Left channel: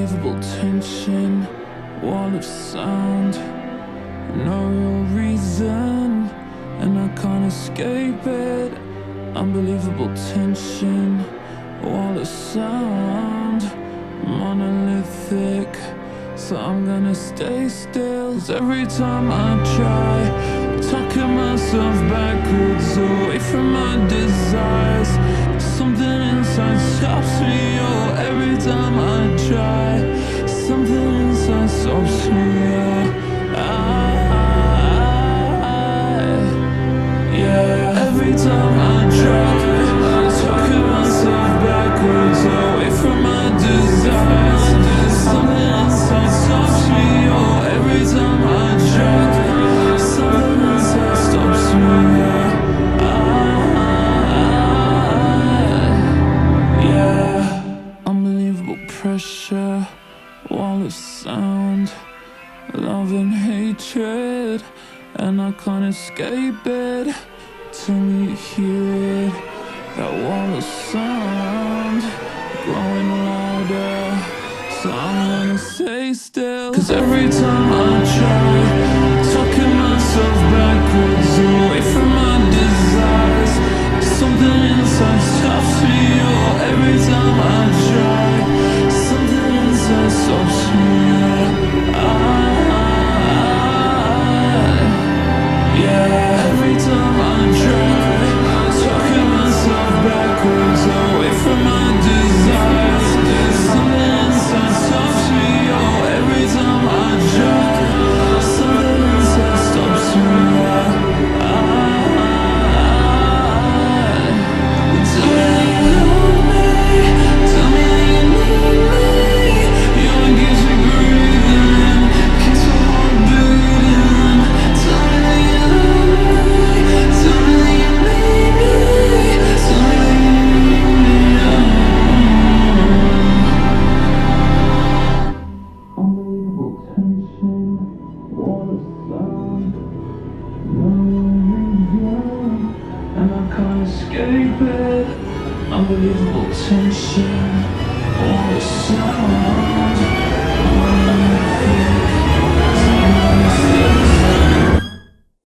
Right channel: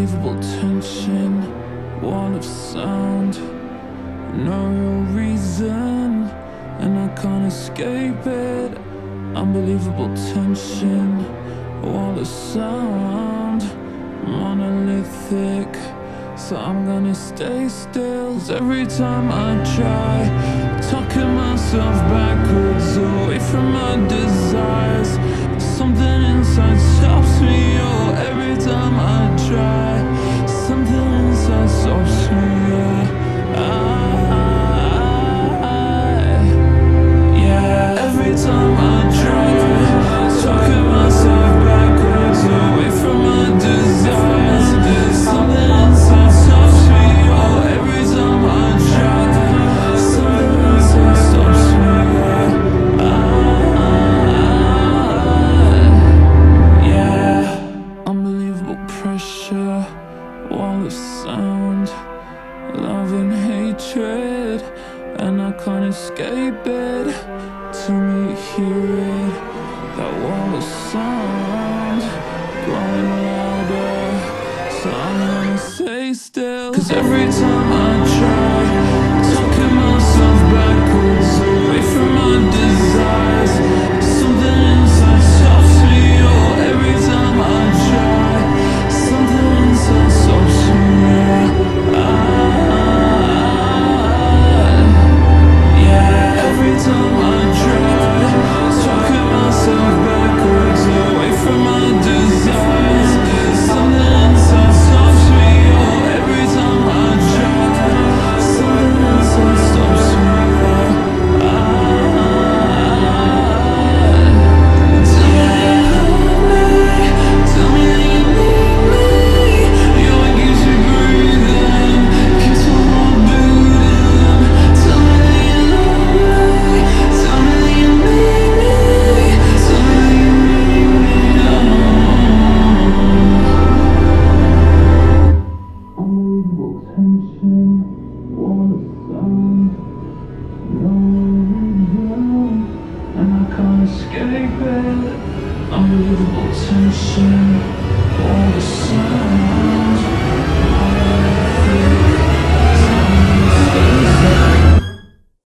Unbelievable tension, wall of sound, no real reason, and I can't escape it. Unbelievable tension, wall of sound, monolithic, so I'm gonna stay still. 'Cause every time I try, talking myself backwards away from my desires, something inside stops me. Oh, every time I try, something inside stops me. Yeah, every time I try, talking myself backwards away from my desires, something inside stops me. Oh, every time I try, something inside stops me. Yeah, unbelievable pressure, wall of sound, love and hatred, and I can't escape it. Till me hear it, that wall of sound growing louder, so I'm gonna stay still. 'Cause every time I try, talking myself backwards away from my desires, something inside stops me. Oh, every time I try, something inside stops me. Yeah, every time I try, talking myself backwards away from my desires, something inside stops me. Oh, every time I try, something inside stops me. Tell me that you love me, tell me that you need me. You're what keeps me breathing, keeps my heart beating. Tell me that you love me, tell me that you need me, tell me that you need me. Unbelievable tension, wall of sound, no reason, and I can't escape it. Unbelievable tension, wall of sound.